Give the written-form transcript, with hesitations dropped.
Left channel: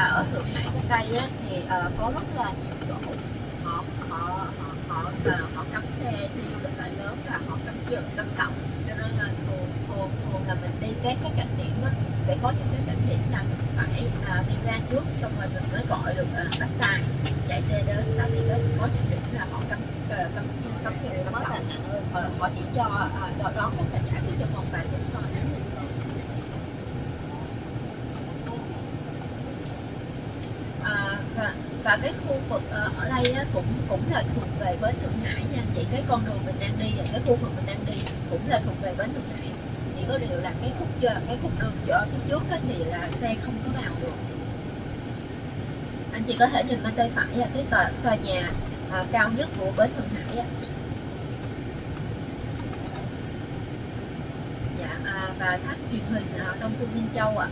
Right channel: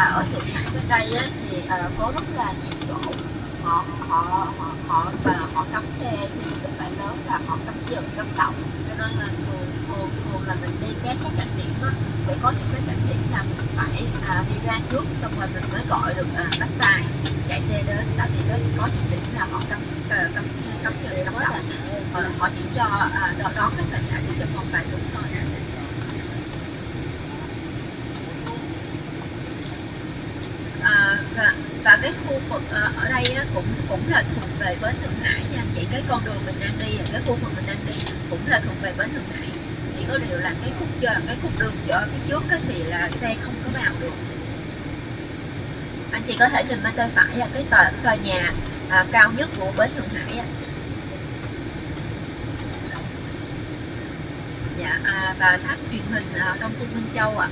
là ở Thượng Hải bên đây á, thì có rất là nhiều chỗ họ họ họ họ họ cấm xe xịn rất là lớn và họ cấm dừng cấm đậu, cho nên là thường là mình đi các cảnh điểm á, sẽ có những cái cảnh điểm là mình phải đi ra trước, xong rồi mình mới gọi được bắt tài chạy xe đến, tại vì có những điểm là họ cấm cấm cấm dừng cấm đậu, họ chỉ cho đón khách và trả chỉ cho một vài lúc thôi. Và cái khu vực ở đây á, cũng là thuộc về bến Thượng Hải nha chị. Cái con đường mình đang đi, cái khu vực mình đang đi cũng là thuộc về bến Thượng Hải, chỉ có điều là cái khúc đường chợ phía trước á, thì là xe không có vào được. Anh chị có thể nhìn bên tay phải là cái tòa nhà cao nhất của bến Thượng Hải á. Dạ, và tháp truyền hình Đông Phương Minh Châu ạ.